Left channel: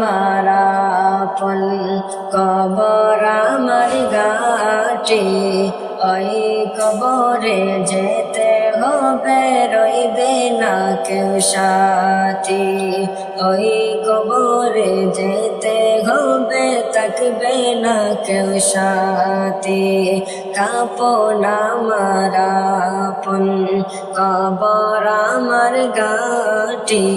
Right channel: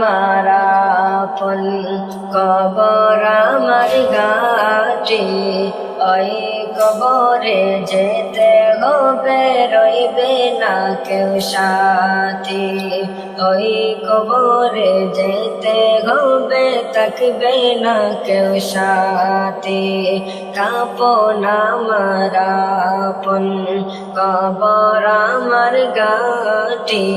মারাপন কবর আমার গাটে ওই কবরে যেতে হবে, রইবে না কেউ সাথী। ওই কবরে যেতে হবে, থাকবে না কেউ সাথী। কাপন আমার আপন, কবর আমার গাটি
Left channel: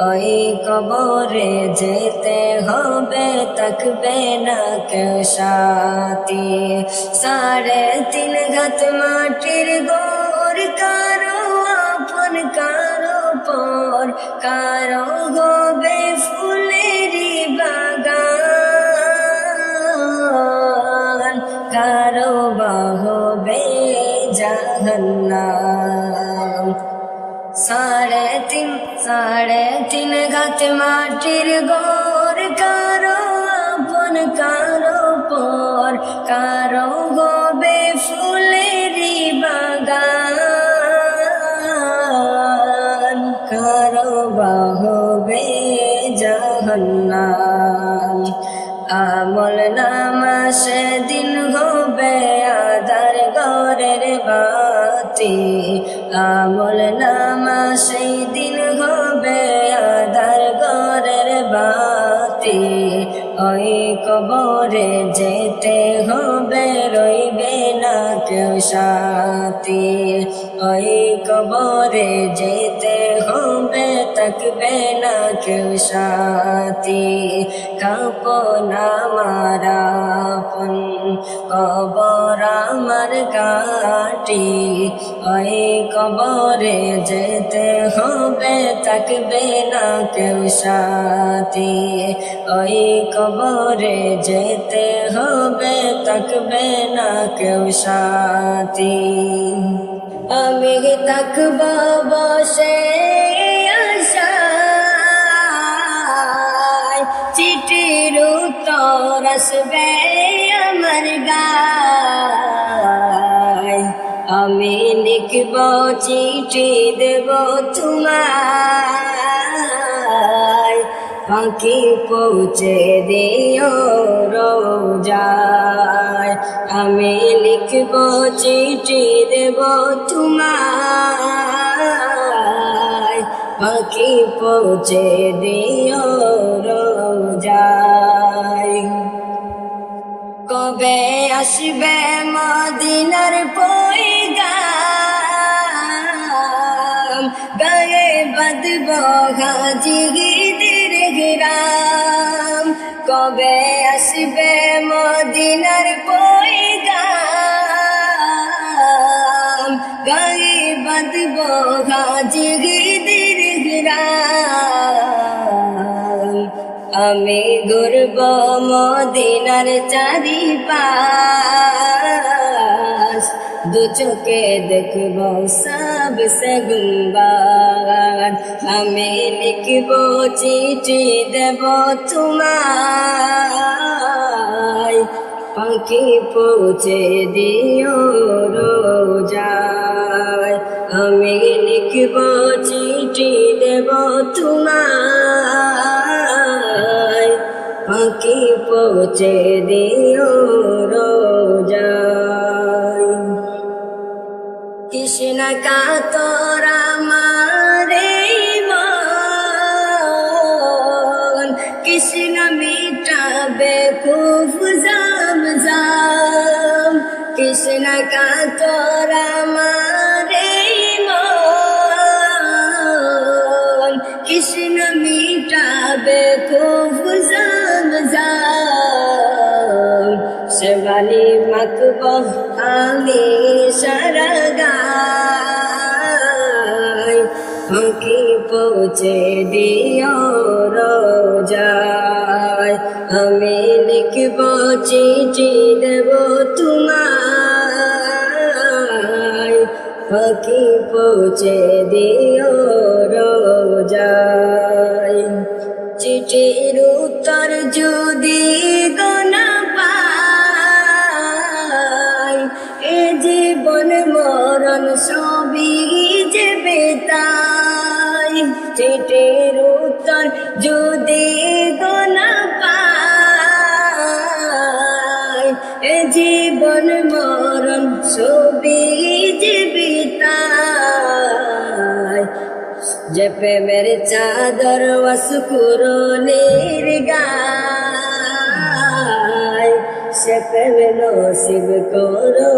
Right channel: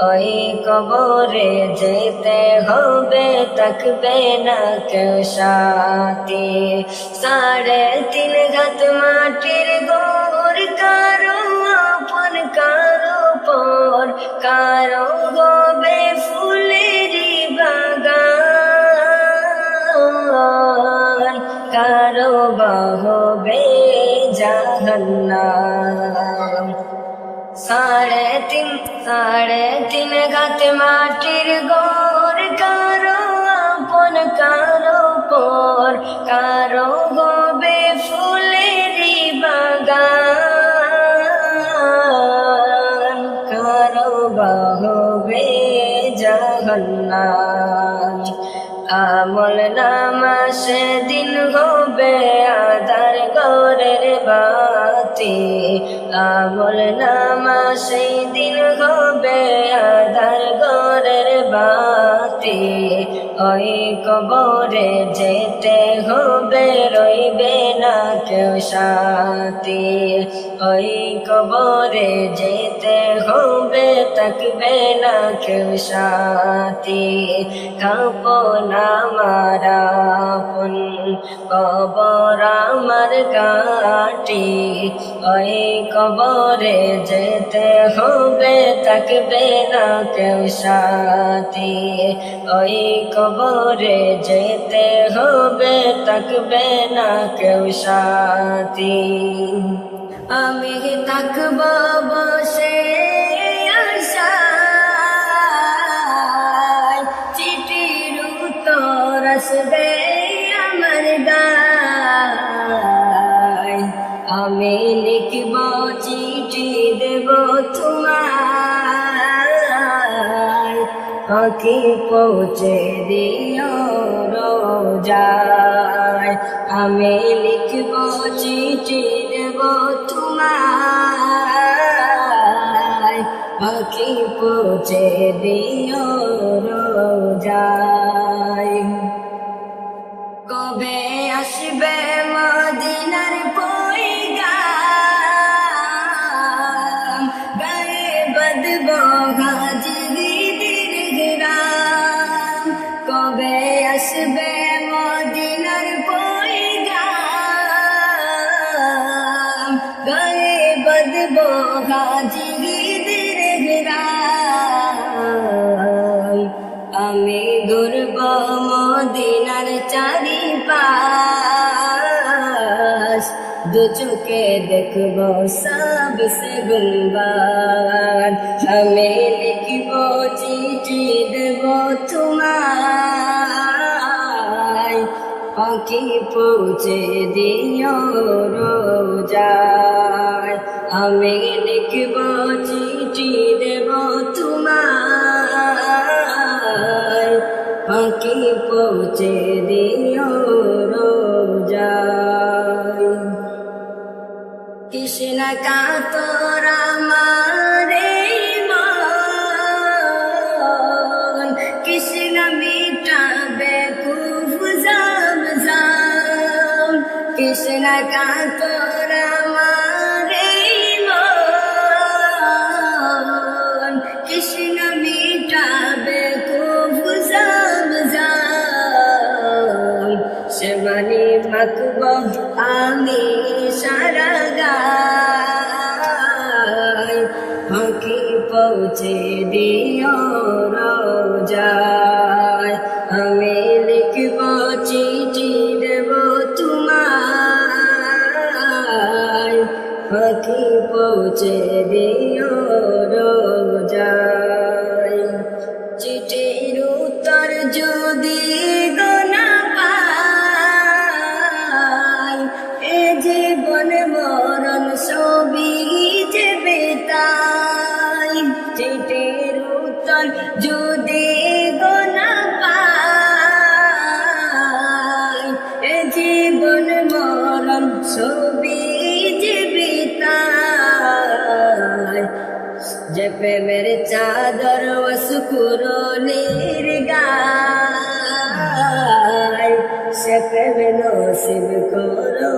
ওই কবরে যেতে হবে থাকবে না কেউ সাথী। সাড়ে তিন ঘাত মাটির গোর, কারও আপন, কারও পর। কারও হবে ফুলেরি বাগান, কারও বাহবে জাহান্নাম। সাড়ে তিন সাড়ে তিন ঘাত মাটির গোর কারও আপন কারও পর কারও গবে ফুলেরি বাগান কারও বাহবে জাহান্নাম আমল নামা সেদিন হবে আদার গরের বাতি। আমল নামা সেই দিন হবে আদার গরের বাতি। ওই কবরে যেতে হবে রইবে না কেউ সাথী। ওই কবরে যেতে হবে থাকবে না কেউ সাথী। কাপনা মারাপন কবর আমার গাটি ওই কবরে যেতে হবে, থাকবে না কেউ সাথী। ওই কবরে যেতে হবে, থাকবে না কেউ সাথী। আমি থাকব বসে চিঠির উত্তর আসবে আমার গায়। আমি লিখব চিঠি, দেব তোমায়। পাখি পৌঁছে দিও রোজায়। আমি লিখব চিঠি, দেব তোমায়। পাখি পৌঁছে দিও রোজায়। কবে আসবে মদিনার পয়গাম। গায়ে বাদব হাজিগিদের গ্রাম কবে আসবে মদিনার পয়গাম? গায়ে বাদব হাজিগিদের গ্রাম আমি ঘুরব মদিনার চারি পাশ দু চোখে দেখব সব সে গুঙ্গার আমি লিখব চিঠি, দেব তোমায়। পাখি পৌঁছে দিও রোজায়। আমি লিখব চিঠি, দেব তোমায়। পাখি পৌঁছে দিও রোজায়। কৃষ্ণ কা তোরা মারে কৃষ্ণ মিটাবে খুব জাম জাম। কৃষ্ণ কা তোরা মারে কৃষ্ণ মিটাবে খুব শিবানী মকব আমি সরগাই ফাঁকি পৌঁছে দিও রোজায় আমি লিখব চিঠি দেব তোমায় ফাঁকি পৌঁছে দিও রোজায় চিঠির উত্তর যদি জীবন মরণ, ছবি জীবিতায়। যে প্রেমের চাদর অসুকুরনির গায়। সে প্রেমে নসিব করো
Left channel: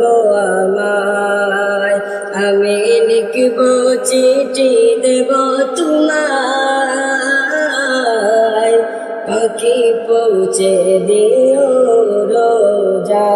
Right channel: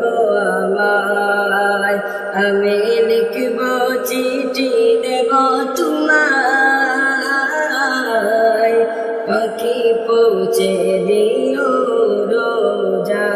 গো আমায়। আমি লিখব চিঠি দেব তোমায়। পাখি পৌঁছে দিও রোজা।